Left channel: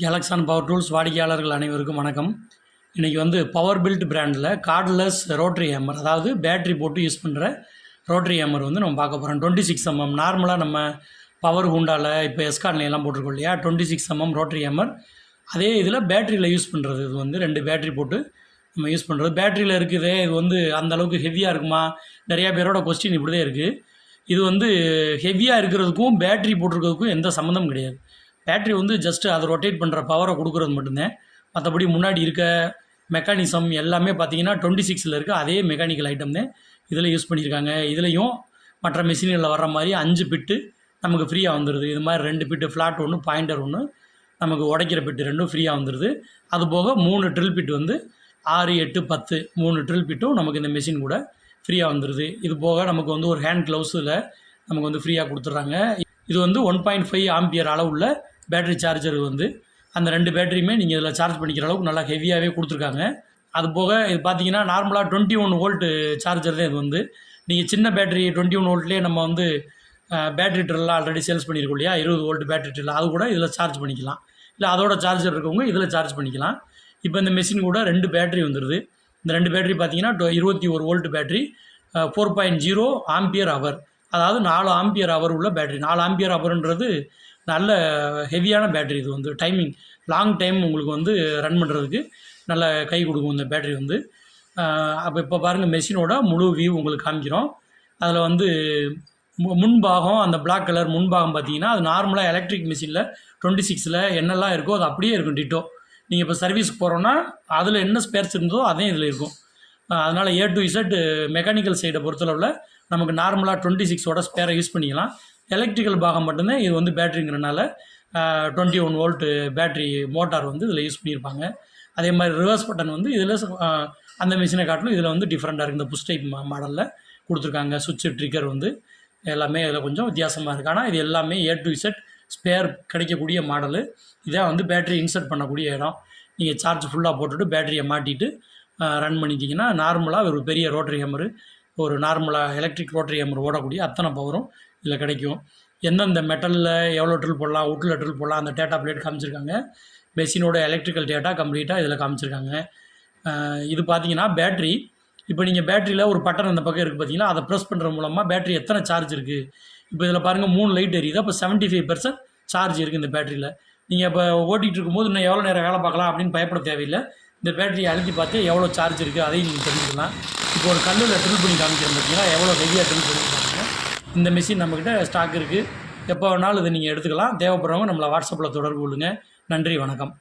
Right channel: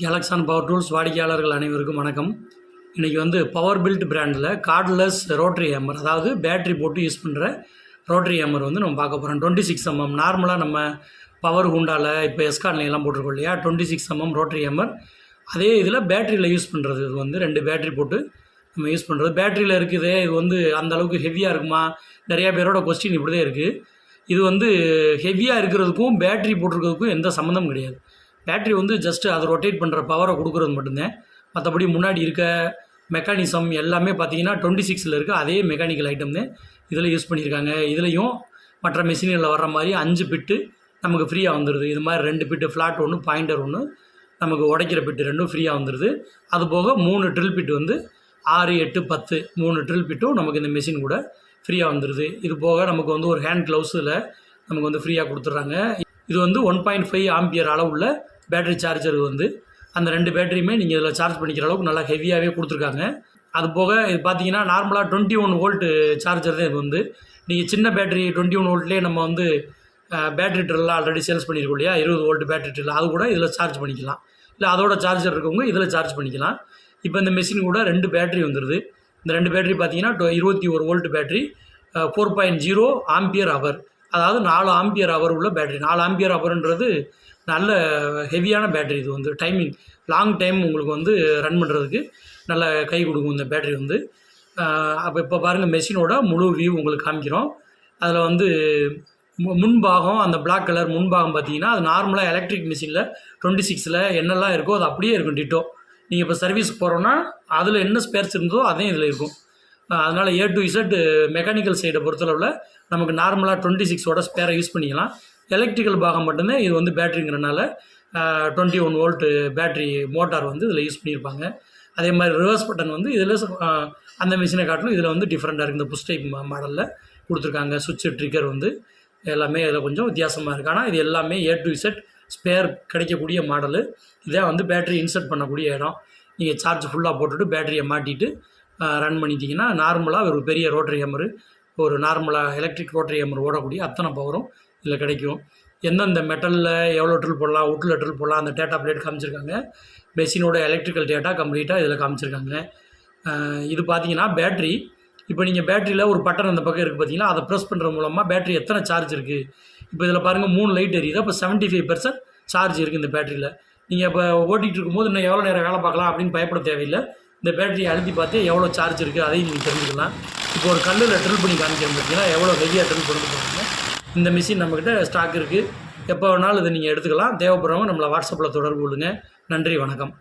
கேலக்ஸான் power tools வாடிக்கையாளர்கள் அனைவருக்கும் வணக்கம். இன்றைக்கி வந்து பவர் பில்ட் பிராண்டில் கார்ட்லெஸ் ரோட்டரி ஹேமர், அதாவது பேட்ரி போட்டு யூஸ் பண்ணுற ரோட்டரி ஹேமர் வந்து நம்ம பார்க்க போகிறோம். 26 mm நார்மலாக நம்ம பவர் ஹூண்டாவில் இப்போ எஸ்கார்ட்லாம் போட்டிருக்கோம் இல்லையா, 26 mm ரோட்டரி ஹேமர். அதே இதில் பேட்டரியில் யூஸ் பண்ணுறது. இது வந்து 2 பேட்ரி போட்டு நம்ம யூஸ் பண்ணுறது. பேட்டரியில் இருக்குது, இது வந்து அந்தளவுக்கு ஹெவியாக இருக்குமா? நிறையா பேரோட கொஸ்டின் இப்படி தான் இருக்குது. இது வந்து ஹெவியாக இருக்கிறதுக்கும் பேட்ரி போட்டிருக்கிறதுக்கும் எந்த சம்மந்தமும் கிடையாது. பேட்ரி வந்து ஜஸ்ட்டு அதை ரொட்டேட் பண்ணுற பவரை கொடுக்குறது மட்டும்தான். மற்றபடி முன்னாடி இருக்க மெக்கானிசம் எல்லாமே பார்த்தீங்கன்னா 26ல் இருக்க அதே மெக்கானிக்கல் ஐட்டம் தான் இதில் யூஸ் பண்ணியிருக்காங்க. இதுலேயும் மற்ற மெஷின்களில் வர்ற மாதிரி 5 பிட்டு நமக்கு ஃப்ரீயாக வந்துடுது. இது மாதிரி 2 பிட்டு ஃப்ளாட் ஒன்று, பாயிண்டர் ஒன்று, நமக்கு உடைக்கிற பிட்டு 2 ஃப்ரீயாக வந்துடுது. அதுபோக 3 ட்ரில் பிட்டு வந்து 6, 8, 10 3 ட்ரில் பிட்டும் நமக்கு இந்த மெஷின் கூட ஃப்ரீயாக வந்துடுது. இது போக நமக்கு வந்து ஒரு ஹேண்ட் க்ளவுஸில் நமக்கு வந்து ஃப்ரீயாக கொடுத்துட்றாங்க. இது வந்து 1.5 ஆம்பியர் அளவுள்ள பேட்டரி சார்ஜர். வந்து அந்த 2 பேட்டரியுமே நீங்கள் இதில் சார்ஜ் பண்ணிக்கிற அளவுக்கு நல்லா ஹெவியாகவே கொடுத்துருக்காங்க. அது போக இது பார்த்தீங்கன்னா நார்மலாக 21 வோல்ட் சார்ஜர் தான். இது வந்து நீங்கள் சின்ன பேட்டரி 21 வோல்ட்லேயே நம்ம வந்து பேட்டரி ட்ரில்லாம் ஆல்ரெடி சேல்ஸ் பண்ணியிருக்கோம் இல்லையா, 20 வோல்ட் பேட்டரி ட்ரில், அது கூட இதில் சார்ஜ் பண்ணிக்கலாம். இல்லை அதோட சார்ஜர் இருக்கவங்க இதில் சார்ஜ் பண்ணிக்கலாம். இப்போ இந்த மெஷின் கூட 2 பேட்டரி வந்துடுது. இந்த 2 பேட்டரி பார்த்தீங்கன்னா 21 வோல்ட் பேட்டரி, 4.0 ஆம்பியர் ஹவர், அதாவது 4 ஆம்பியர் ஹவர் உள்ள பேட்டரி. 4 ஆம்பியர் ஹவர்ன்றது நல்ல ஹெவியான பேட்டரி. இது வந்து டைமிங் லாங் டைம் உங்களுக்கு வந்து ரன் பண்ணுறதுக்கு நல்ல கை கொடுக்கும் இந்த பேட்டரி வந்து. அப்போ இப்போ பாருங்கள், மெஷினோட முழு வியூ உங்களுக்கு காமிக்கிறோம். அதில் வந்து முன்பாகம், அந்த பிளாக் கலர் முன்பாகம் பார்த்தீங்கன்னா அது நார்மலாக எலக்ட்ரிக் மிஷினில் 26ல் என்னெல்லாம் இருக்கோ அது அப்படியே இருக்கும் டிட்டோ. நீங்கள் இப்போ சர்வீஸ்க்கு போகிறோன்னா அதில் என்ன ஸ்பேர்ஸ் இருந்தோ அதே இதில் இருக்கும். அதனால் A to Z மெக்கானிக்கல் சைடை பொறுத்தளவில் நமக்கு நார்மலாக 26ஓட ஸ்பேரை யூஸ் பண்ணிக்கலாம். எலக்ட்ரிக்கல் பாகம் மட்டும்தான் இது வந்து பேட்டரிங்கிறனால 21 வோல்ட் பேட்டரி மோட்டார் வந்து இதில் யூஸ் பண்ணியிருப்பாங்க. அதே மாதிரி ரிவர்ஸ் பட்டன் வந்து இதில் அந்த மிஷினை காட்டிலும் இதில் வந்து டிஃப்ரெண்ட்டாக இருக்குது. இந்த புஷ் டைப் மாடலில் கொடுத்துருக்காங்க. சுவிட்சு ட்ரிக்கர் வந்து எல்லாமே இதில் கொஞ்சம் வித்தியாசமாக இருக்குது. ஆனால் இது எல்லாமே A to Z ஸ்பேர் கிடைக்கக்கூடிய மாடலு. இதான் வந்து பேட்டரி இன்சர்ட் பண்ணக்கூடிய இடம். நீங்கள் சார்ஜ் ஃபுல்லாக போட்டுட்டு பேட்டரியை மாட்டிட்டு ரன் பண்ணிட்டீங்கன்னா நார்மலாக ஒரு பெரிய ரோட்டரி ஹேமரு, ஒரு நார்மலாக எலக்ட்ரிக் ரோட்டரி ஹேமர் ஓடக்கூடிய அத்தனை பவரும் இதில் கிடைக்கும். எந்தெந்த மெட்டலில் எவ்வளோ ட்ரில் போடலாம், வுட்டில் ட்ரில் போடலாம், அந்த டேட்டா பிளேட் காமிச்சிருக்காங்க. மெஷினோட எலக்ட்ரிக்கல் டேட்டா கம்ப்ளீட்டாக இதில் காமிச்சிருக்காங்க. இது பார்த்தீங்கன்னா பேட்ரி. இப்போ நீங்கள் பேட்டரியில் ஒரு பட்டன் அந்த பக்கம் இருக்குது பார்த்தீங்கன்னா, அதை ப்ரெஸ் பண்ணுற மூலமாக பேட்டரி எத்தனை சார்ஜ் இருக்குது. இப்போ இதில் பாருங்கள் 3 லைட் எரியுது. அப்போ 75% சார்ஜ் இருக்குது இந்த பேட்டரியில். நீங்கள் இப்போ ஓட்டிகிட்டு இருக்கும்போது இன்னும் எவ்வளோ நேரம் வேலை பார்க்கலாம் அப்படின்னு பயப்பட தேவையில்லை. இந்த பேட்டரியை அழுத்தி பார்த்து எவ்வளோ சார்ஜ் இருக்குது அதையும் நீங்கள் தெரிஞ்சுக்கலாம். இப்போ ஒரு கல்லில் ட்ரில் பண்ணி காமிக்கிறோம் பார்த்தீங்கன்னா, எவ்வளோ ஹெவியாக ட்ரில் பண்ணி பாருங்கள். இந்த மிஷின் நம்மக்கிட்ட ஸ்டாக் இருக்குது. எப்போ வேணாலும் இதை நீங்கள் எடுத்துக்கலாம். தேவைப்படுறவங்க நம்மளை வாட்ஸ்அப்பில் தொடர்பு கொள்ளுங்கள். நன்றி, வணக்கம்.